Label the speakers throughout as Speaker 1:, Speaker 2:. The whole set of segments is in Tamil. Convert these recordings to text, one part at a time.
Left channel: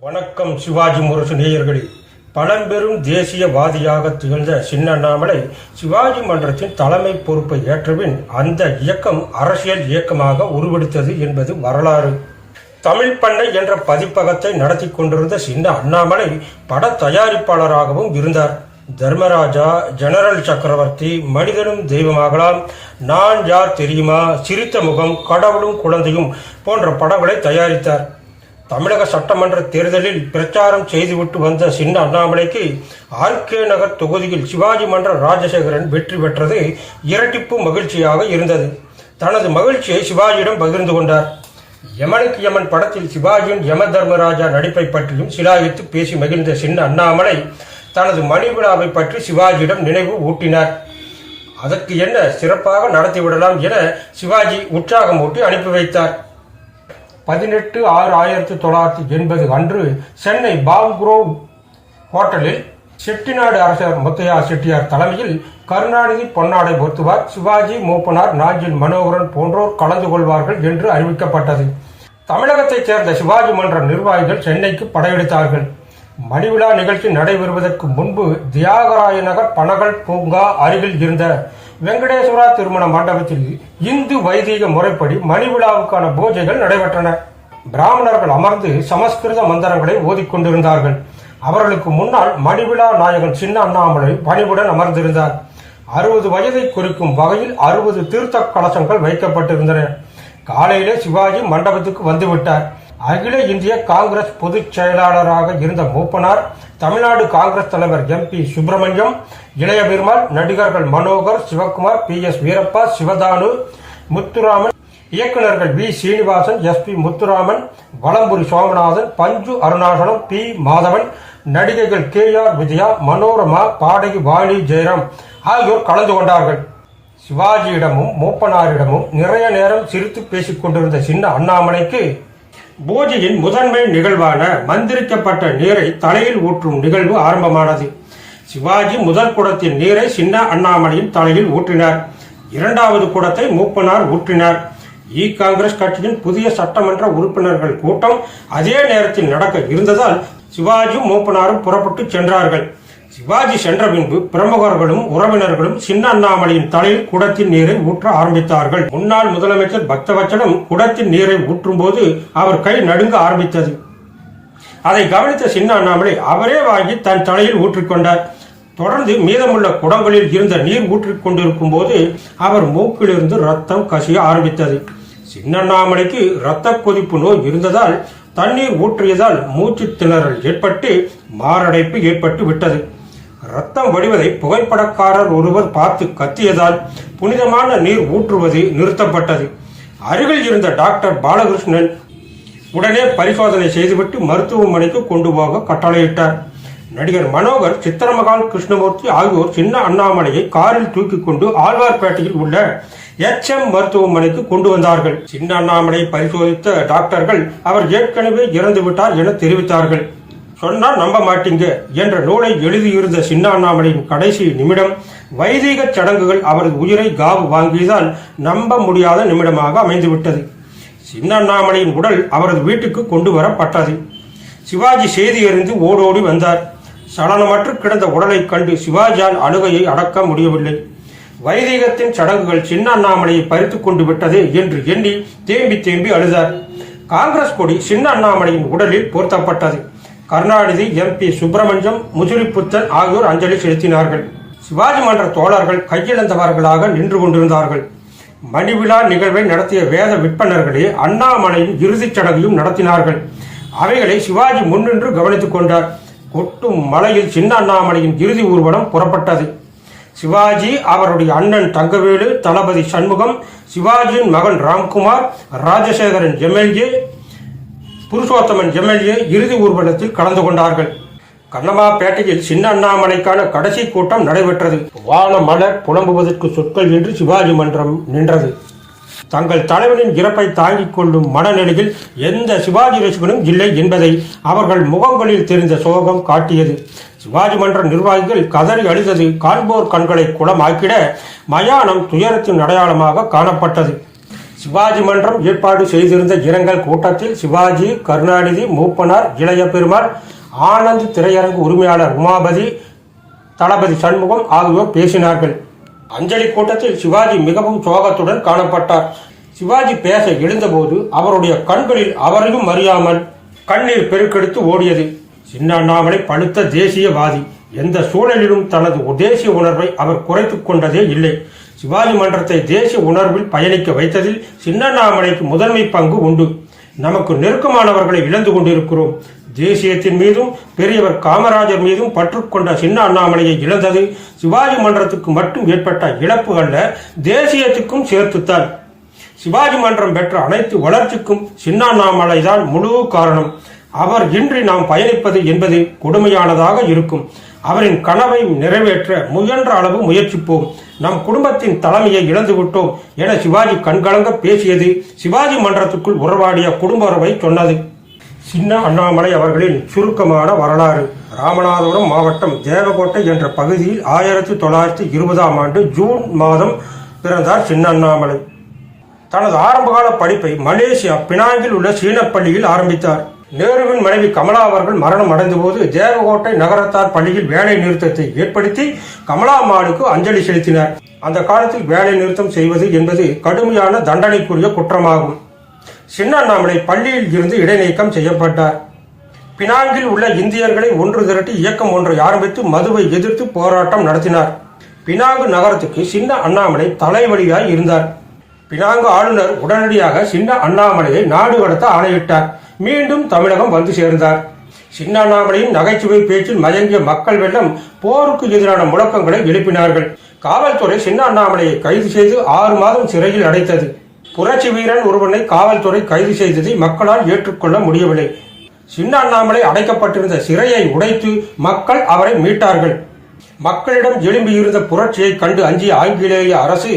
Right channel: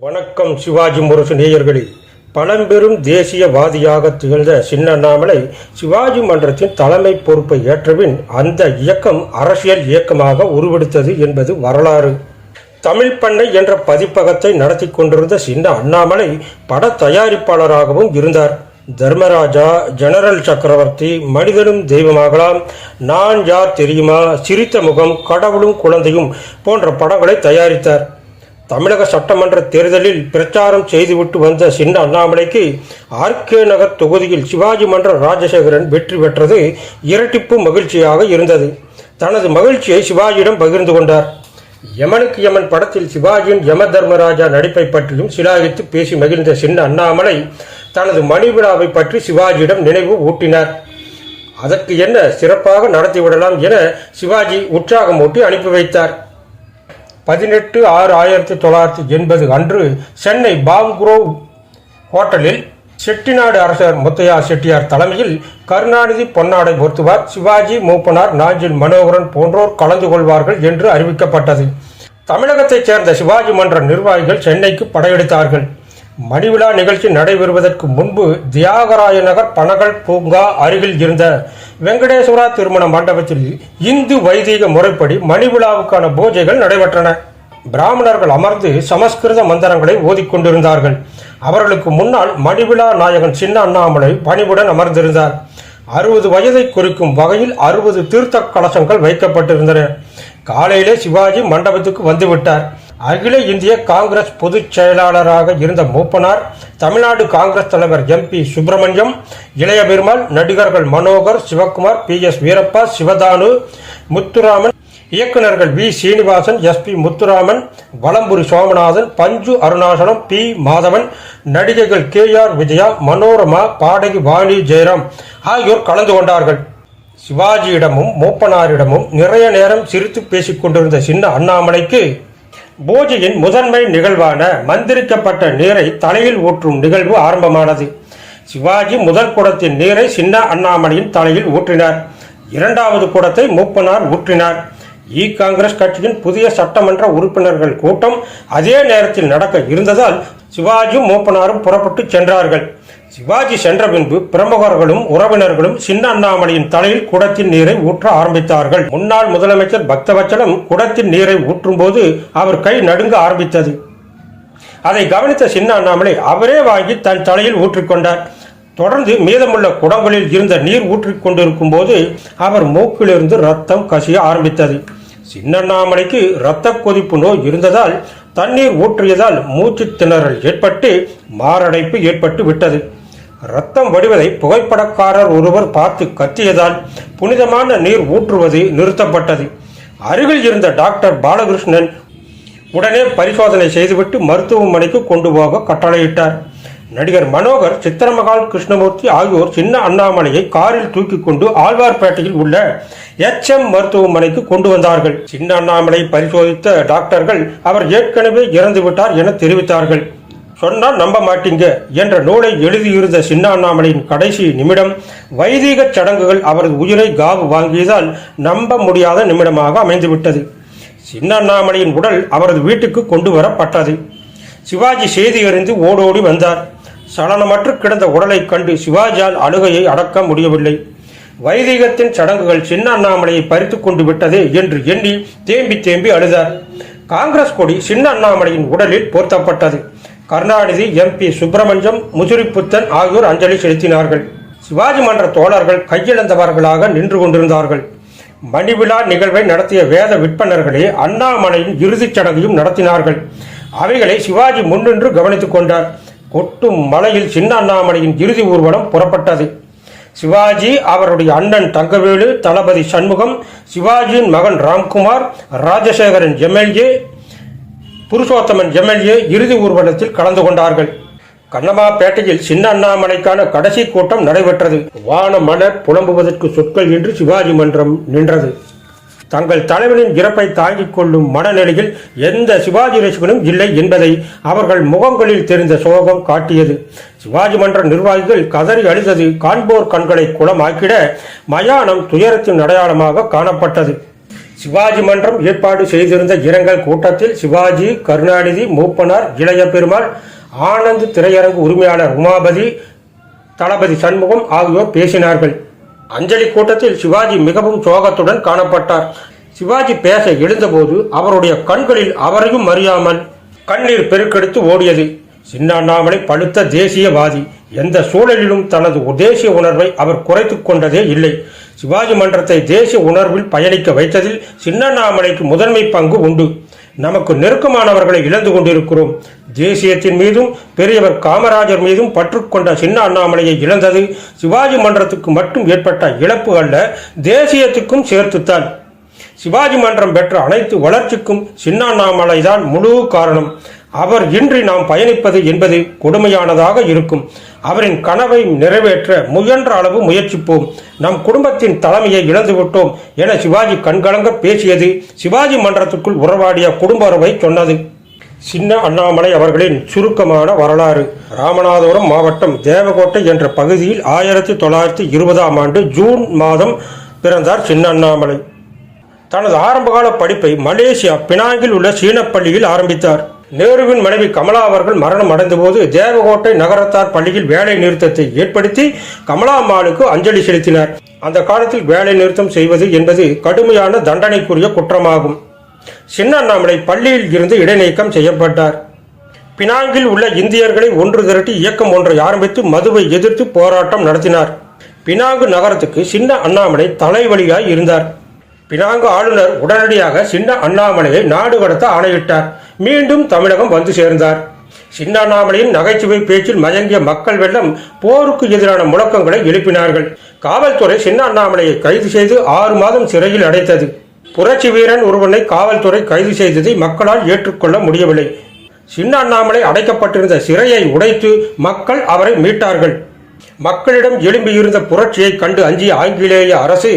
Speaker 1: வணக்கம் சிவாஜி முரசு நேயர்களே. பழம்பெரும் தேசியவாதியாக திகழ்ந்த சின்ன அண்ணாமலை சிவாஜி மன்றத்தின் தலைமை பொறுப்பை ஏற்றபின் அந்த இயக்கம் அரசியல் இயக்கமாக உருவெடுத்தது என்பது வரலாறு. தமிழ் பண்ணை என்ற பதிப்பகத்தை நடத்தி கொண்டிருந்த சின்ன அண்ணாமலை பட தயாரிப்பாளராகவும் இருந்தார். தர்மராஜா ஜெனரல் சக்கரவர்த்தி மனிதனும் தெய்வமாகலாம். நான் யார் தெரியுமா? சிரித்த முகம் கடவுளும் குழந்தையும் போன்ற படங்களை தயாரித்தார். தமிழக சட்டமன்ற தேர்தலில் பிரச்சாரம் செய்துவிட்டு வந்த சின்ன அண்ணாமலைக்கு ஆர்கே நகர் தொகுதியில் சிவாஜி மன்ற ராஜசேகரன் வெற்றி பெற்றது இரட்டிப்பு மகிழ்ச்சியாக இருந்தது. தனது மகிழ்ச்சியை சிவாஜியிடம் பகிர்ந்து கொண்டார். யமனுக்கு யமன் படத்தில் சிவாஜியின் யம தர்மராஜா நடிப்பை பற்றியும் சிலாகித்து பேசி மகிழ்ந்த சின்ன அண்ணாமலை தனது மணி விழாவை பற்றி சிவாஜியிடம் நினைவு ஊட்டினார். அதற்கு என்ன சிறப்பாக நடத்திவிடலாம் என சிவாஜி உற்சாகம் ஊட்டி அனுப்பி வைத்தார். பதினெட்டு ஆறு ஆயிரத்தி தொள்ளாயிரத்தி எண்பது அன்று சென்னை பாம்குரோவ் ஹோட்டலில் செட்டிநாடு அரசர் முத்தையா செட்டியார் தலைமையில் கருணாநிதி பொன்னாடை பொருத்துவார் சிவாஜி மூப்பனார் நாஞ்சில் மனோகரன் போன்றோர் கலந்து கொள்வார்கள் என்று அறிவிக்கப்பட்டது. தமிழகத்தைச் சேர்ந்த சிவாஜி மன்ற நிர்வாகிகள் சென்னைக்கு படையெடுத்தார்கள். மணிவிழா நிகழ்ச்சி நடைபெறுவதற்கு முன்பு தியாகராய நகர் பனகல் பூங்கா அருகில் இருந்த வெங்கடேஸ்வரா திருமண மண்டபத்தில் இந்து வைதீக முறைப்படி மணிவிழாவுக்கான பூஜைகள் நடைபெற்றன. பிராமணர்கள் அமர்ந்து சமஸ்கிருத மந்திரங்களை ஓதிக்கொண்டிருந்தார்கள் அவர்களுக்கு முன்னால் மணிவிழா நாயகன் சின்ன அண்ணாமலை பணிவுடன் அமர்ந்திருந்தார். அறுபது வயதை குறிக்கும் வகையில் அறுபது தீர்த்த கலசங்கள் வைக்கப்பட்டிருந்தன. காலையிலே சிவாஜி மண்டபத்துக்கு வந்துவிட்டார். அகில இந்திய காங்கிரஸ் பொதுச் செயலாளராக இருந்த மூப்பனார் தமிழ்நாடு காங்கிரஸ் தலைவர் எம் பி சுப்பிரமணியம் இளைய பெருமாள் நடிகர்கள் மனோகர் சிவகுமார் பி எஸ் வீரப்பா சிவதானு முத்துராமன் இயக்குநர்கள் V Srinivasan S P Muthuraman Valampuri Somanathan Panchu Arunachalam B Madhavan நடிகைகள் கே ஆர் விஜயா மனோரமா பாடகி வாணி ஜெயராம் ஆகியோர் கலந்து கொண்டார்கள். சிவாஜியிடமும் மூப்பனாரிடமும் நிறைய நேரம் சிரித்து பேசிக் கொண்டிருந்த சின்ன அண்ணாமலைக்கு பூஜையின் முதன்மை நிகழ்வான மந்திரிக்கப்பட்ட நீரை தலையில் ஊற்றும் நிகழ்வு ஆரம்பமானது. சிவாஜி முதல் குடத்தின் நீரை சின்ன அண்ணாமலையின் தலையில் ஊற்றினார். இரண்டாவது குடத்தை மூப்பனார் ஊற்றினார். இ. காங்கிரஸ் கட்சியின் புதிய சட்டமன்ற உறுப்பினர்கள் கூட்டம் அதே நேரத்தில் நடக்க இருந்ததால் சிவாஜி மூப்பனாரும் புறப்பட்டு சென்றார்கள். சிவாஜி சென்ற பின்பு பிரமுகர்களும் உறவினர்களும் சின்ன அண்ணாமலையின் தலையில் குடத்தின் நீரை ஊற்ற ஆரம்பித்தார்கள். முன்னாள் முதலமைச்சர் பக்தவச்சலம் குடத்தின் நீரை ஊற்றும் போது அவர் கை நடுங்க ஆரம்பித்தது. அதை கவனித்த சின்ன அண்ணாமலை அவரே வாங்கி தன் தலையில் ஊற்றிக்கொண்டார் தொடர்ந்து மீதமுள்ள குடங்களில் இருந்த நீர் ஊற்றிக் கொண்டிருக்கும் போது அவர் மூக்கிலிருந்து ரத்தம் கசிய ஆரம்பித்தது. சின்னண்ணாமலைக்கு இரத்த கொதிப்பு நோய் இருந்ததால் தண்ணீர் ஊற்றியதால் மூச்சு திணறல் ஏற்பட்டு மாரடைப்பு ஏற்பட்டு விட்டது. ரத்தம் வடிவதை புகைப்படக்காரர் ஒருவர் பார்த்து கத்தியதால் புனிதமான நீர் ஊற்றுவது நிறுத்தப்பட்டது. அருகில் இருந்த டாக்டர் பாலகிருஷ்ணன் உடனே பரிசோதனை செய்துவிட்டு மருத்துவமனைக்கு கொண்டு போக கட்டளையிட்டார். நடிகர் மனோகர் சித்திரமகால் கிருஷ்ணமூர்த்தி ஆகியோர் சின்ன அண்ணாமலையை காரில் தூக்கிக் கொண்டு ஆழ்வார்பேட்டையில் உள்ள எச் எம் மருத்துவமனைக்கு கொண்டு வந்தார்கள். சின்ன அண்ணாமலை பரிசோதித்த டாக்டர்கள் அவர் ஏற்கனவே இறந்துவிட்டார் என தெரிவித்தார்கள். சொன்னால் நம்ப மாட்டீங்க என்ற நூலை எழுதியிருந்த சின்ன அண்ணாமலையின் கடைசி நிமிடம் வைதிக சடங்குகள் அவரது உயிரை காவு வாங்கியதால் நம்ப முடியாத நிமிடமாக அமைந்துவிட்டது. சின்ன அண்ணாமலையின் உடல் அவரது வீட்டுக்கு கொண்டு வரப்பட்டது சிவாஜி செய்தி அறிந்து ஓடோடி வந்தார். சலனமற்று கிடந்த உடலைக் கண்டு சிவாஜியால் அழுகையை அடக்க முடியவில்லை. வைதிகத்தின் சடங்குகள் சின்ன அண்ணாமலையை பறித்துக் கொண்டு விட்டதே என்று எண்ணி தேம்பி தேம்பி அழுதார். காங்கிரஸ் கொடி சின்ன அண்ணாமலையின் உடலில் போர்த்தப்பட்டது. கருணாநிதி எம்பி சுப்பிரமணியம் முதிரிப்புத்தன் ஆகியோர் அஞ்சலி செலுத்தினார்கள். சிவாஜி மன்ற தோழர்கள் கையிழந்தவர்களாக நின்று கொண்டிருந்தார்கள். மணிவிழா நிகழ்வை நடத்திய வேத விற்பனர்களே அண்ணாமலையின் இறுதிச் சடங்கையும் நடத்தினார்கள். அவைகளை சிவாஜி முன்னின்று கவனித்துக் கொண்டார். கொட்டும் மலையில் சின்ன அண்ணாமலையின் இறுதி ஊர்வலம் புறப்பட்டது. சிவாஜி அவருடைய அண்ணன் தங்கவேலு தளபதி சண்முகம் சிவாஜியின் மகன் ராம்குமார் ராஜசேகரன் எம்எல்ஏ புருஷோத்தமன் எம்எல்ஏ இறுதி ஊர்வலத்தில் கலந்து கொண்டார்கள். கண்ணமாப்பேட்டையில் சின்ன அண்ணாமலைக்கான கடைசி கூட்டம் நடைபெற்றது. வான மலர் புலம்புவதற்கு சொற்கள் என்று சிவாஜி மன்றம் நின்றது. தங்கள் தலைவனின் இறப்பை தாங்கிக் கொள்ளும் மனநிலையில் எந்த சிவாஜி ரசிகனும் இல்லை என்பதை அவர்கள் முகங்களில் தெரிந்த சோகம் காட்டியது. சிவாஜி மன்ற நிர்வாகிகள் கதறி அழுதது காண்போர் கண்களை குளமாக்கிட மயானம் துயரத்தின் அடையாளமாக காணப்பட்டது. சிவாஜி மன்றம் ஏற்பாடு செய்திருந்த இரங்கல் கூட்டத்தில் சிவாஜி கருணாநிதி மூப்பனார் இளைய பெருமாள் ஆனந்த் திரையரங்கு உரிமையாளர் உமாபதி தளபதி சண்முகம் ஆகியோர் பேசினார்கள். அஞ்சலி கூட்டத்தில் சிவாஜி மிகவும் சோகத்துடன் காணப்பட்டார். சிவாஜி பேச எழுந்தபோது அவருடைய கண்களில் அவரையும் அறியாமல் கண்ணீர் பெருக்கெடுத்து ஓடியது. சின்ன அண்ணாமலை பழுத்த தேசியவாதி. எந்த சூழலிலும் தனது தேசிய உணர்வை அவர் குறைத்து கொண்டதே இல்லை. சிவாஜி மன்றத்தை தேசிய உணர்வில் பயணிக்க வைத்ததில் சின்னண்ணாமலைக்கு முதன்மை பங்கு உண்டு. நமக்கு நெருக்கமானவர்களை இழந்து கொண்டிருக்கிறோம். தேசியத்தின் மீதும் பெரியவர் காமராஜர் மீதும் பற்று கொண்ட சின்ன அண்ணாமலையை இழந்தது சிவாஜி மன்றத்துக்கு மட்டும் ஏற்பட்ட இழப்பு அல்ல தேசியத்துக்கும் சேர்த்துத்தான். சிவாஜி மன்றம் பெற்ற அனைத்து வளர்ச்சிக்கும் சின்ன அண்ணாமலை தான் முழு காரணம். அவர் இன்றி நாம் பயணிப்பது என்பது கொடுமையானதாக இருக்கும். அவரின் கனவை நிறைவேற்ற முயன்ற அளவு முயற்சிப்போம். நம் குடும்பத்தின் தலைமையை இழந்துவிட்டோம் என சிவாஜி கண்கலங்க பேசியது சிவாஜி மன்றத்துக்குள் உறவாடிய குடும்ப உறவை சொன்னது. சின்ன அண்ணாமலை அவர்களின் சுருக்கமான வரலாறு. ராமநாதபுரம் மாவட்டம் தேவகோட்டை என்ற பகுதியில் ஆயிரத்தி தொள்ளாயிரத்தி இருபதாம் ஆண்டு ஜூன் மாதம் பிறந்தார் சின்ன அண்ணாமலை. தனது ஆரம்பகால படிப்பை மலேசியா பினாங்கில் உள்ள சீனப்பள்ளியில் ஆரம்பித்தார். நேருவின் மனைவி கமலா அவர்கள் மரணம் அடைந்தபோது தேவகோட்டை நகரத்தார் பள்ளியில் வேலை நிறுத்தத்தை ஏற்படுத்தி கமலா அம்மாளுக்கு அஞ்சலி செலுத்தினார். அந்த காலத்தில் வேலை நிறுத்தம் செய்வது என்பது கடுமையான தண்டனைக்குரிய குற்றமாகும். சின்ன அண்ணாமலை பள்ளியில் இருந்து இடைநீக்கம் செய்யப்பட்டார். பினாங்கில் உள்ள இந்தியர்களை ஒன்று திரட்டி இயக்கம் ஒன்றை ஆரம்பித்து மதுவை எதிர்த்து போராட்டம் நடத்தினார். பினாங்கு நகரத்துக்கு சின்ன அண்ணாமலை தலைவலியாய் இருந்தார். பினாங்கு ஆளுநர் உடனடியாக சின்ன அண்ணாமலையை நாடு கடத்த ஆணையிட்டார். மீண்டும் தமிழகம் வந்து சேர்ந்தார். சின்ன அண்ணாமலையின் நகைச்சுவை பேச்சில் மயங்கிய மக்கள் வெள்ளம் போருக்கு எதிரான முழக்கங்களை எழுப்பினார்கள். காவல்துறை சின்ன அண்ணாமலையை கைது செய்து ஆறு மாதம் சிறையில் அடைத்தது. புரட்சி வீரன் ஒருவனை காவல்துறை கைது செய்ததை மக்களால் ஏற்றுக்கொள்ள முடியவில்லை. சின்ன அண்ணாமலை அடைக்கப்பட்டிருந்த சிறையை உடைத்து மக்கள் அவரை மீட்டார்கள். மக்களிடம் எழும்பியிருந்த புரட்சியை கண்டு அஞ்சிய ஆங்கிலேய அரசு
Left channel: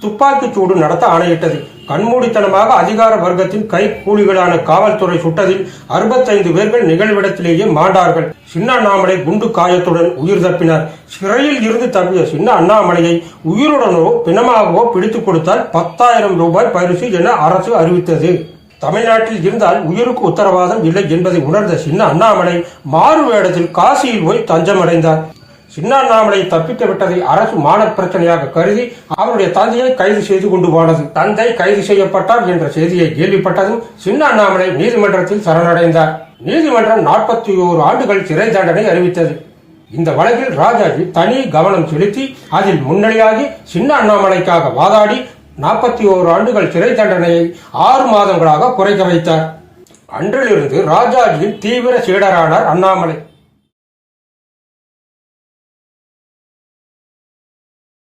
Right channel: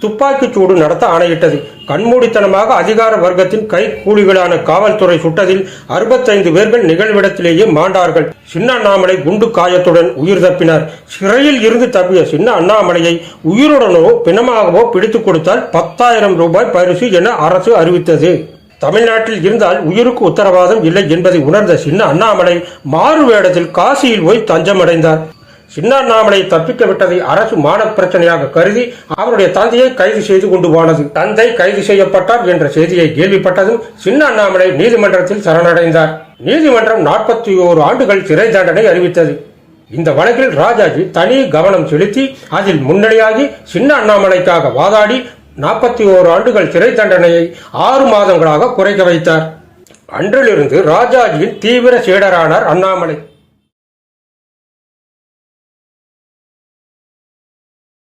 Speaker 1: துப்பாக்கிச் சூடு நடத்த ஆணையிட்டது. கண்மூடித்தனமாக அதிகார வர்க்கத்தின் கை கூலிகளான காவல்துறை சுட்டதில் அறுபத்தைந்து பேர்கள் நிகழ்விடத்திலேயே மாண்டார்கள். சின்ன அண்ணாமலை குண்டு காயத்துடன் உயிர் தப்பினார். சிறையில் இருந்து தப்பிய சின்ன அண்ணாமலையை உயிருடனோ பிணமாகவோ பிடித்துக் கொடுத்தால் பத்தாயிரம் ரூபாய் பரிசு என அரசு அறிவித்தது. தமிழ்நாட்டில் இருந்தால் உயிருக்கு உத்தரவாதம் இல்லை என்பதை உணர்ந்த சின்ன அண்ணாமலை மாறு வேடத்தில் காசியில் போய் தஞ்சமடைந்தார். சின்ன அண்ணாமலை தப்பிக்க விட்டதை அரசு மான பிரச்சனையாக கருதி அவருடைய தந்தையை கைது செய்து கொண்டு போனது. தந்தை கைது செய்யப்பட்டார் என்ற செய்தியை கேள்விப்பட்டதும் சின்ன அண்ணாமலை நீதிமன்றத்தில் சரணடைந்தார். நீதிமன்றம் நாற்பத்தி ஓரு ஆண்டுகள் சிறை தண்டனை அறிவித்தது. இந்த வழக்கில் ராஜாஜி தனி கவனம் செலுத்தி அதில் முன்னணியாகி சின்ன அண்ணாமலைக்காக வாதாடி நாற்பத்தி ஓரு ஆண்டுகள் சிறை தண்டனையை ஆறு மாதங்களாக குறைக்க வைத்தார். அன்றிலிருந்து ராஜாஜியின் தீவிர சீடரானார் அண்ணாமலை.